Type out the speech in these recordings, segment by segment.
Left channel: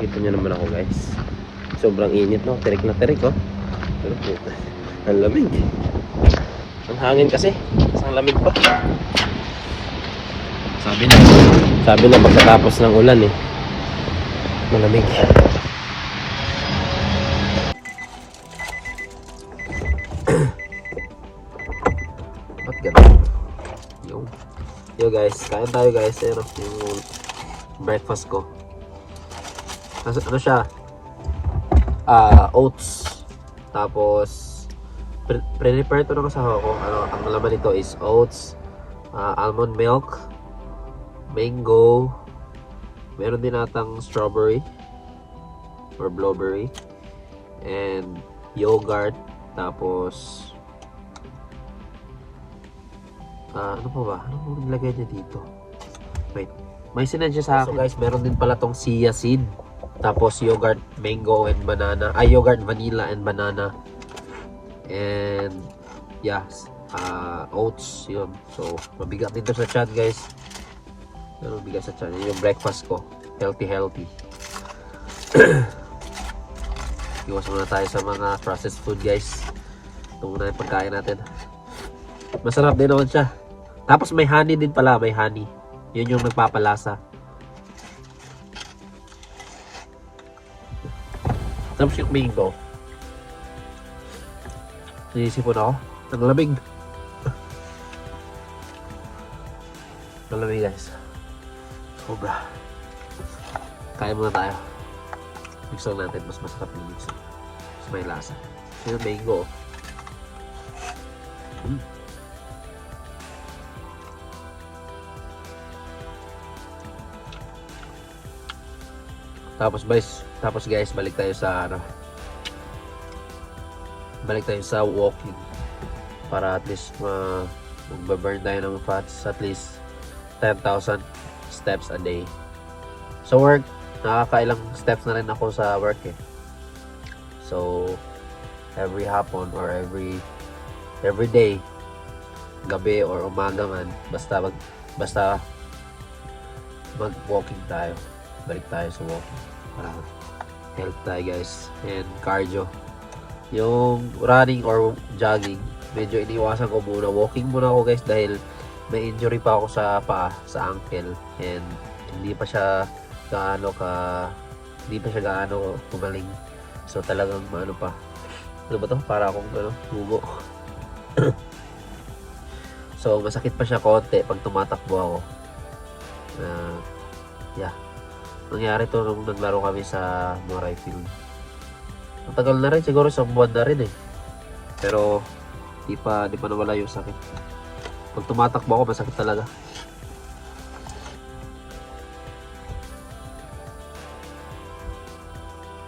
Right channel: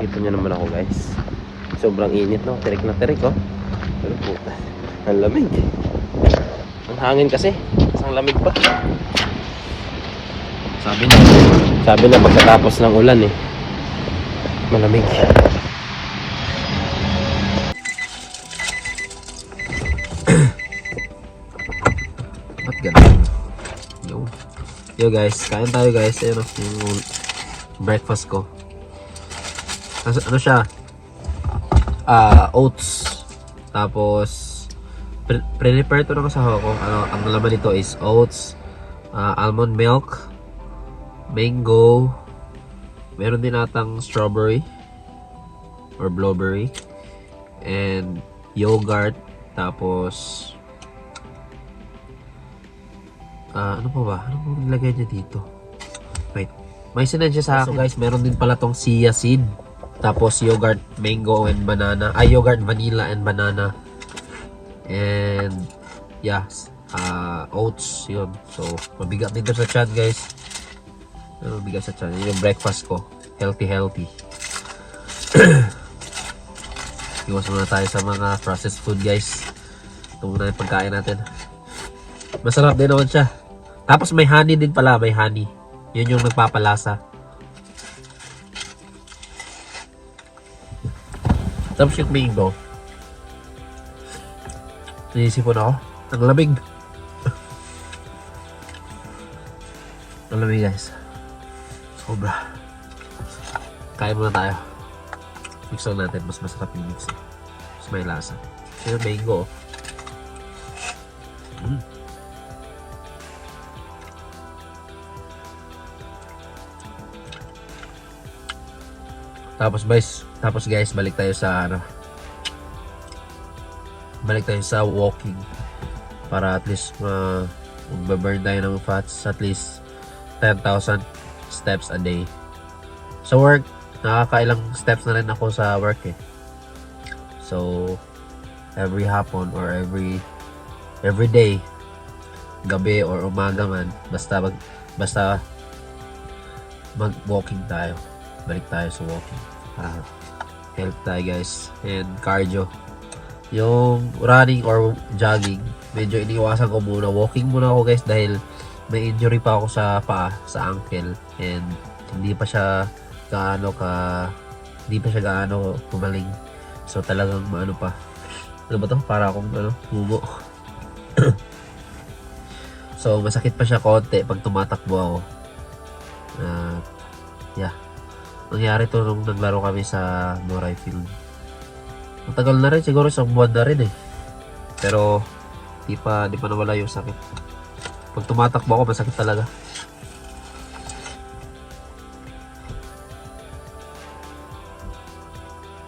Kita nyo naman ako guys. Sobrang init no. Tirik na tirik oh. Ang lamig. Ang hangin kasi. Ang lamig pa. Sabi na pagkatapos ng ulan eh. Malamig. Ba't ganun? Yo guys, kain tayo guys. Ayun yung breakfast ko. Ano siya? Oats. Tapos prepare ito ng asawa ko. Ang laman nito is oats, almond milk, mango, meron din natang strawberry or blueberry, and yogurt. Tapos ano pa ba? Ano po nilagay niya dito? Wait, may sinend siya sa akin. So guys, meron din pala tong chia seed. Tapos yogurt, mango, and banana. Yogurt, vanilla, and banana. And yeah, oats, yun. So, mabigat dito sa chan guys. Mabigat sa chan. Yun yung breakfast ko. Healthy. Iwas muna tayo sa mga processed food guys. Ito muna yung pagkain natin. Masarap din naman siya. Tapos may honey din pala, may honey. Yun yung nagpapalasa. Tapos yung mango. Naisipon ako. Ang lamig. Ang lamig guys. Sobra. Kain muna tayo. Mix lang natin. Mas masarap yung mix. Mas may lasa. Yung mango. Tapos guys, balik tayo sa walking para at least mag-burn tayo ng fats at least 10,000 steps a day. Sa work, nakakailang steps na rin ako sa work eh. So every hapon or every day, gabi or umaga man, basta mag-walking tayo. Balik tayo sa walking. Health tayo guys, and cardio. Yung running or jogging, medyo iniiwasan ko muna. Walking muna ako guys dahil may injury pa ako sa paa, sa ankle, and hindi pa siya gaano kumaling. So talagang ano pa. Ano ba to? Para akong mumo. So masakit pa siya konti pag tumatakbo ako. Yeah. Nangyari to nung naglaro kami sa Moray Field. Matagal na rin, siguro isang buwan na rin eh. Pero di pa nawala yung sakit. Pag tumatakbo ako, masakit talaga.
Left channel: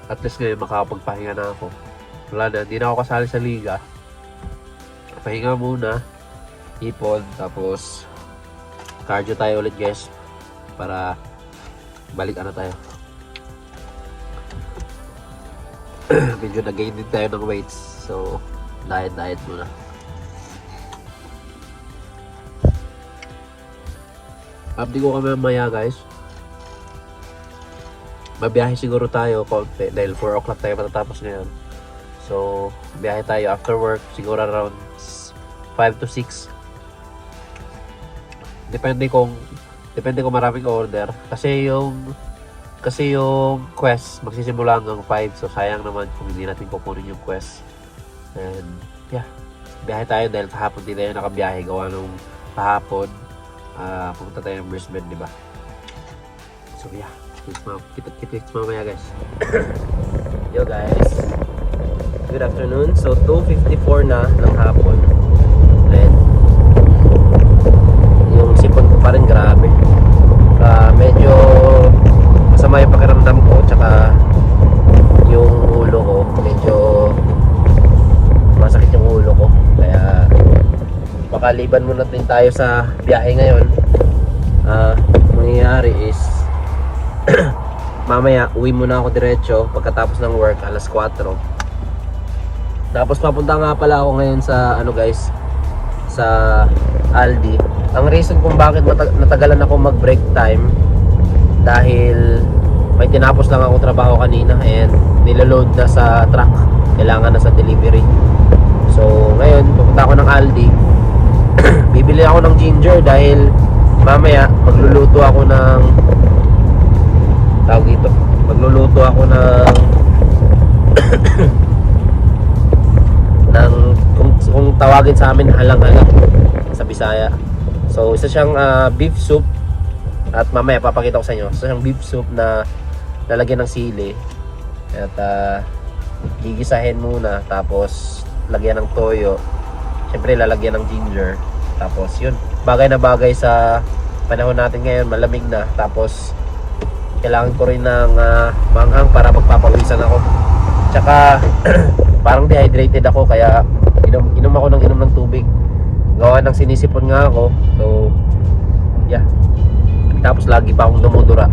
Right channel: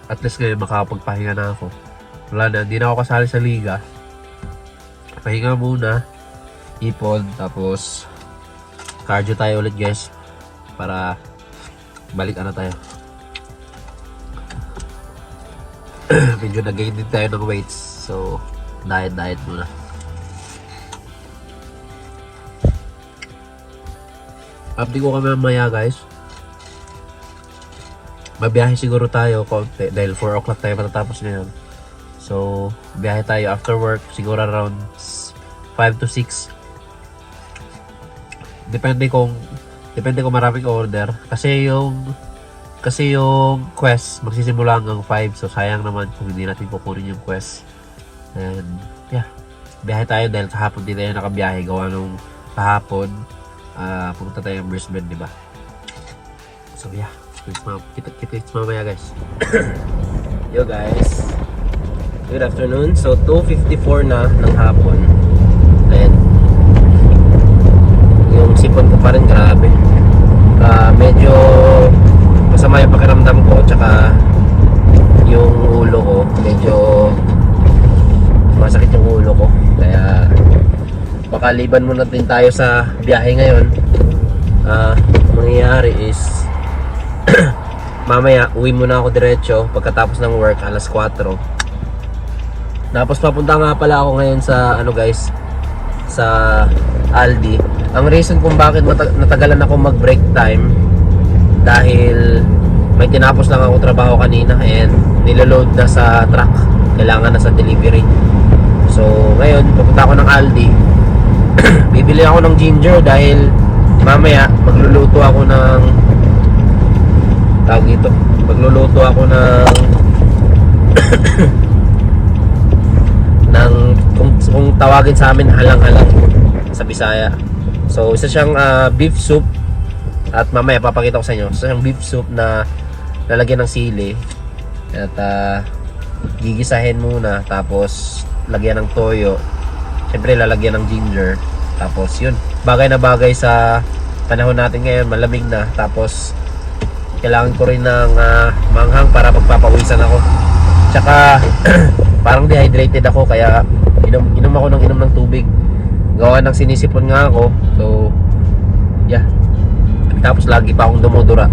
At least ngayon makapagpahinga na ako. Wala na, hindi na ako kasali sa liga. Pahinga muna, ipon, tapos cardio tayo ulit guys. Para balik tayo. Medyo nag-gain din tayo ng weights. So, diet muna. Update ko kami mamaya guys. Mabiyahe siguro tayo konti dahil 4 o'clock tayo matatapos ngayon. So, biyahe tayo after work siguro around 5 to 6. Depende kung maraming order kasi yung quest magsisimula hanggang 5, so sayang naman kung hindi natin kukunin yung quest. And yeah, biyahe tayo dahil kahapon din tayo nakabiyahe gawa nung kahapon pumunta tayo ng Brisbane, di ba? So yeah, kita mamaya guys. Yo guys, good afternoon. So 2:54 na ng hapon, and yung sipon ko pa rin grabe. Medyo masama yung pakiramdam ko, tsaka yung ulo ko medyo masakit yung ulo ko, kaya makaliban muna din tayo sa biyahe ngayon. Mangyayari is mamaya uwi muna ako diretso pagkatapos ng work alas 4. Tapos papunta nga pala ako ngayon sa sa Aldi. Ang reason kung bakit natagalan ako mag break time dahil may tinapos lang ako trabaho kanina and niloload na sa truck. Kailangan na sa delivery. So ngayon pupunta ako ng Aldi. Bibili ako ng ginger dahil mamaya magluluto ako ng tawag dito. Magluluto ako ng ng kung tawagin sa amin halang-halang sa Bisaya. So isa siyang beef soup at mamaya papakita ko sa inyo. Isa siyang beef soup na lalagyan ng sili at gigisahin muna tapos lagyan ng toyo. Siyempre lalagyan ng ginger. Tapos yun, bagay na bagay sa panahon natin ngayon, malamig na. Tapos kailangan ko rin ng manghang para pagpapawisan ako. Tsaka parang dehydrated ako kaya inom ako ng tubig. Gawa ng sinisipon nga ako. So yeah. Tapos lagi pa akong dumudura.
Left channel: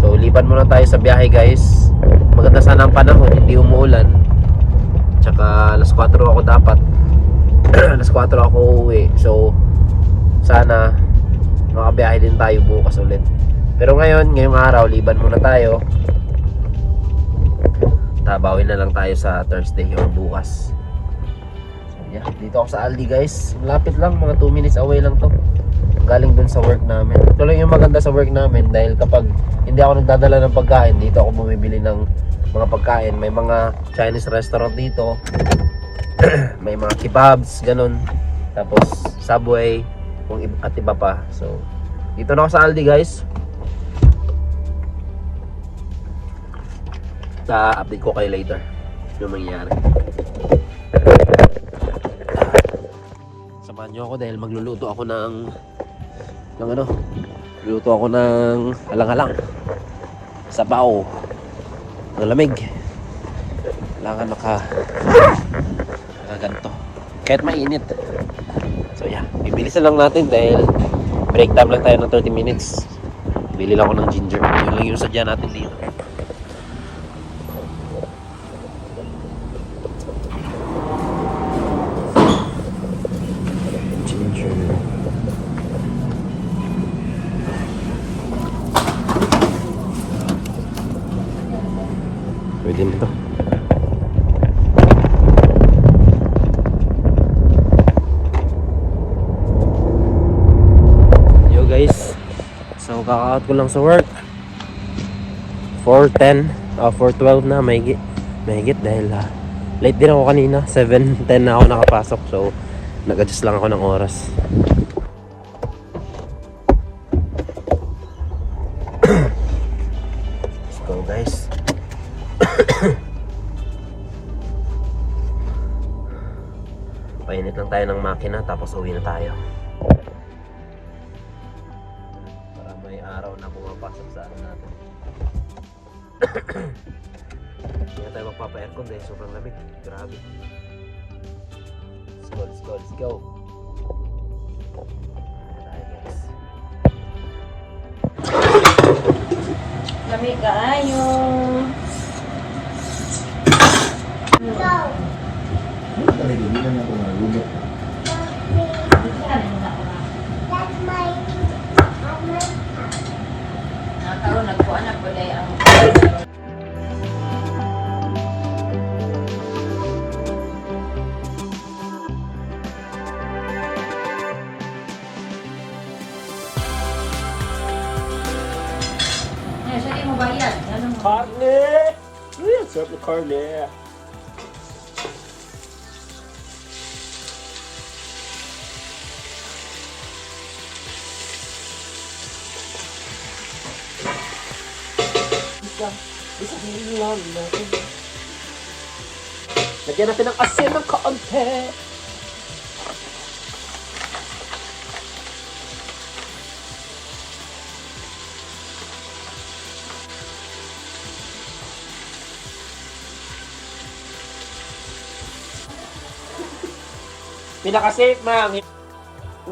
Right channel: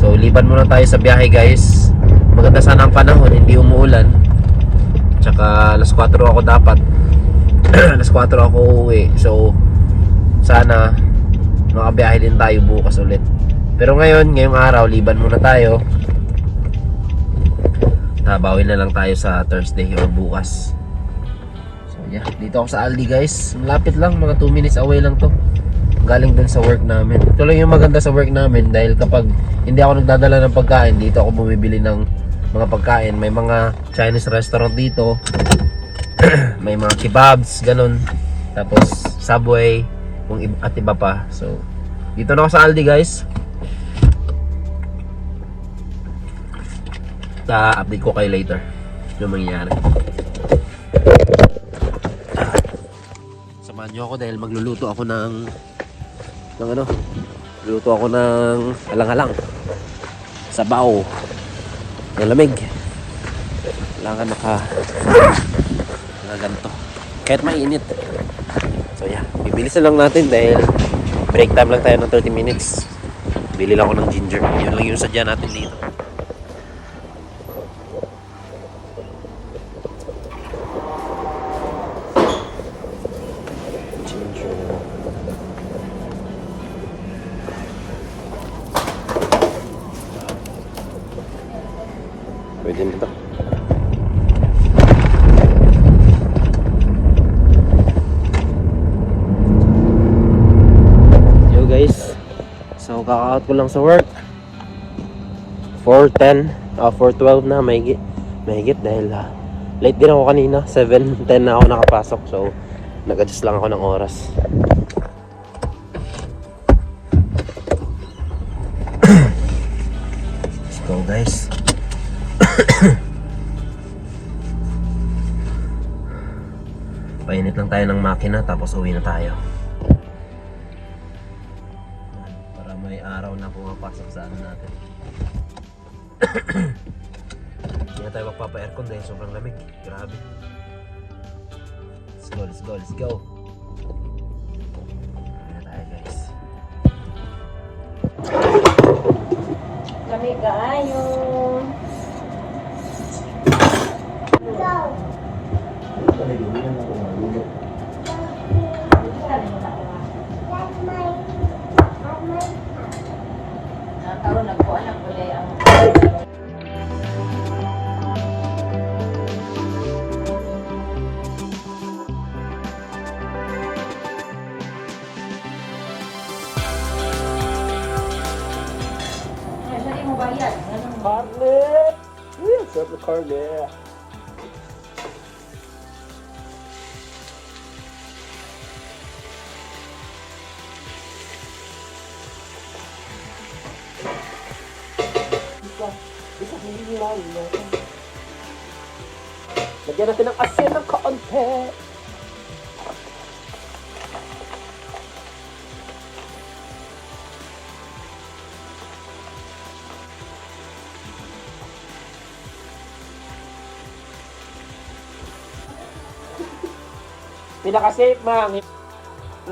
So liban muna tayo sa biyahe guys. Maganda sana ang panahon, hindi umuulan. Tsaka alas 4 ako dapat. Alas 4 ako uuwi. So sana makabiyahe din tayo bukas ulit. Pero ngayong araw, liban muna tayo. Tabawin na lang tayo sa Thursday or bukas. So yeah, dito ako sa Aldi guys. Malapit lang, mga 2 minutes away lang to. Galing dun sa work namin. Ito lang yung maganda sa work namin dahil kapag hindi ako nagdadala ng pagkain, dito ako bumibili ng mga pagkain. May mga Chinese restaurant dito. May mga kebabs, ganun. Tapos Subway, at iba pa. So dito na ako sa Aldi guys. Update ko kayo later yung mangyayari. Samahan nyo ako dahil magluluto ako ng luluto ako ng halang-halang sabaw ng lamig. Kailangan nakaganto kahit mainit. So yeah, bibilisan lang natin dahil break time lang tayo ng 30 minutes. Bili lang ako ng ginger. Yun lang yung sadya natin dito. Pwede nito. Yo guys, so kaka-out ko lang sa work 4:12 na, mahigit dahil late din ako kanina. 7:10 na ako nakapasok, so nag-adjust lang ako ng oras. Let's go guys. Painit lang tayo ng makina tapos uwi na tayo para may araw na pumapasok sa ano natin. Hindi na tayo magpapa-aircon dahil sobrang lamig. Grabe. Let's go. Uwi na tayo guys. Lamig kaayong Karne! Sarap na karne! Lagyan natin ng asin ng kaunti. Pinaka-safe, ma'am.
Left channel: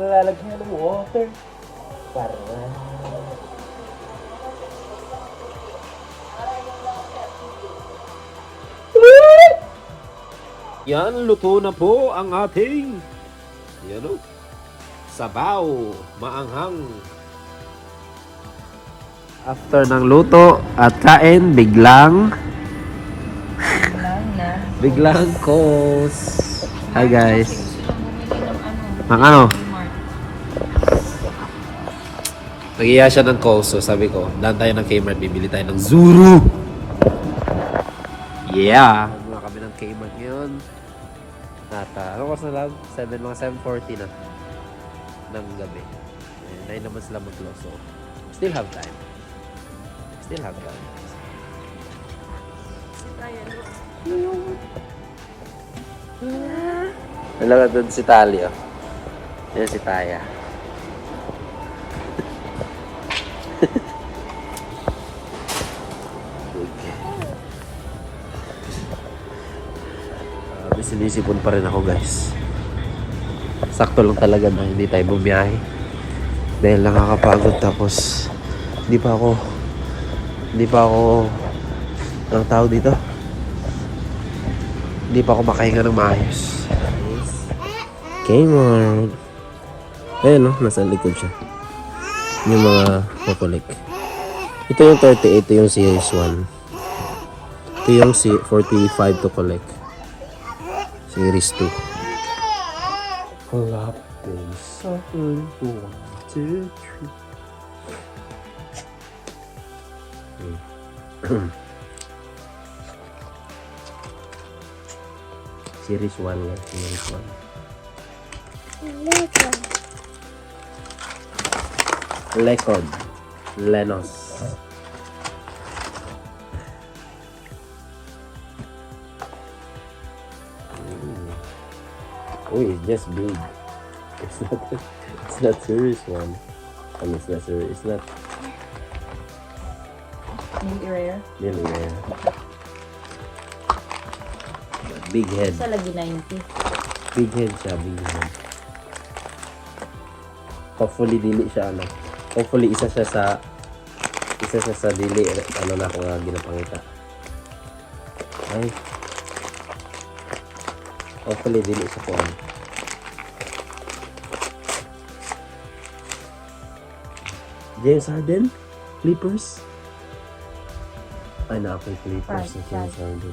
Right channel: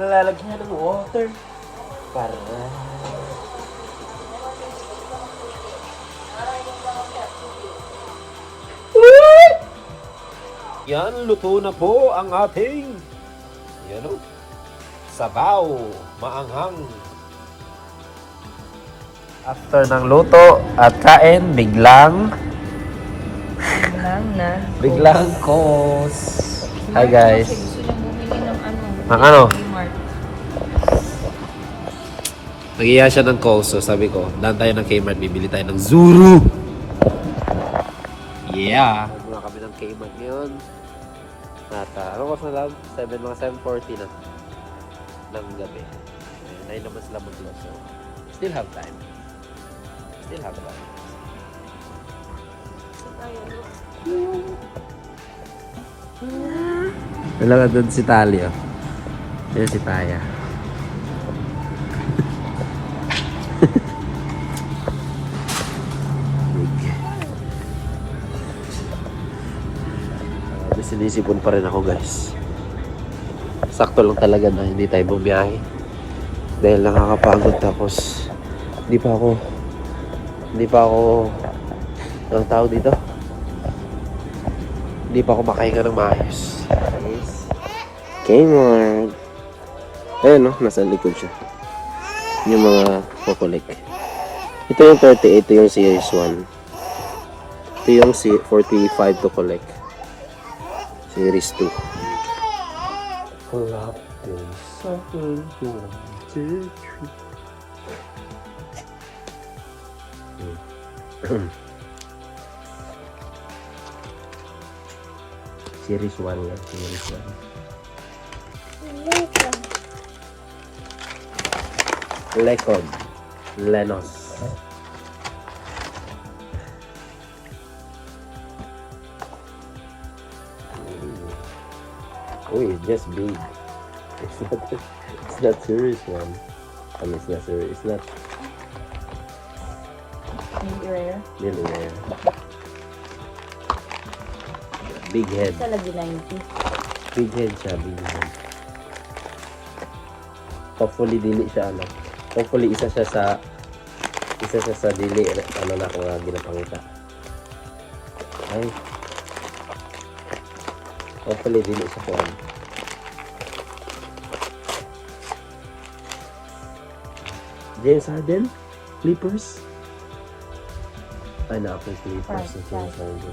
Lalagyan mo ng water. Para... Yan, luto na po ang ating sabaw, maanghang. After ng luto at kain, biglang Lang na. calls. Hi guys. Ng ano? Nag-iya siya ng calls, so sabi ko, daan tayo ng Kmart, bibili tayo ng Zuru! Yeah! Nagmula kami ng Kmart ngayon. At ano oras na lang? 7:40 na ng gabi. 9 naman sila mag-close, so still have time. Still have time. Wala doon si Talia. Yan si Taya. Sinisipon pa rin ako guys. Sakto lang talaga na hindi tayo bumiyahe. Dahil nakakapagod tapos hindi pa ako ang tao dito. Hindi pa ako makahinga ng maayos. Kmart. Ayun no, nasa likod siya. Yung mga kukulik. Ito yung 38, ito yung series 1. Ito yung 45 to collect. Series 2. Series 1 nga. Series 1. Lekod. Lenos. Oh, it's just big. It's not series 1. I mean, it's not series. It's not really rare. But big head. Isa lagi 90. Big head siya, big head. Hopefully dili siya ano. Hopefully isa siya sa dili ano na kung ginapangita. Ay. Hopefully dili sa kuwan. James Harden? Clippers? Pineapple Clippers na James Harden.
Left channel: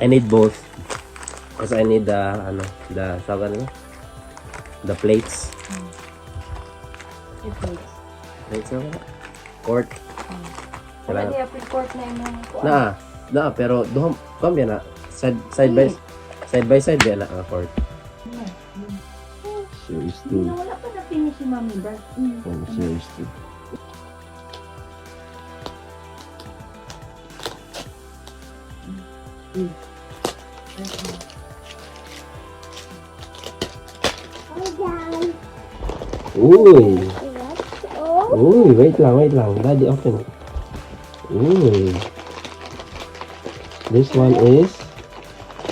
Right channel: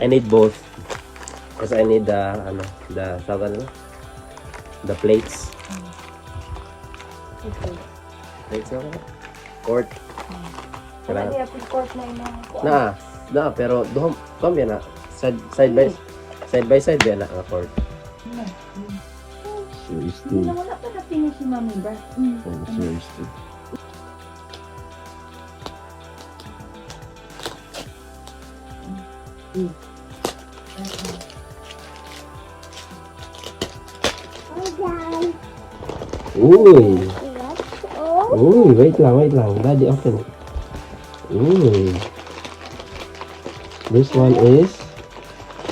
I need both. Because I need the plates. Plates na ba? Court. Wala di apit court na yung mga kuwan. Na, pero doon, yan na. Side by side yan na ang court. Series 2. Wala ka na pinusinamida. Series 2. Uy! Uy, wait lang. Daddy, open it. Uy. This one is...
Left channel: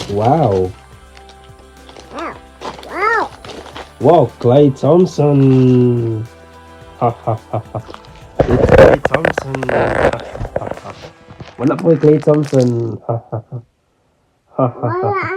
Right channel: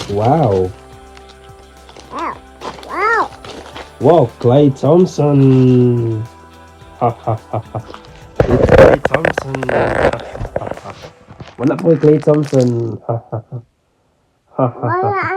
Wow. Wow, Klay Thompson. Ha ha ha ha. It's Klay Thompson. Ha ha ha ha. Wala po Klay Thompson. Ha ha ha. Ha ha ha.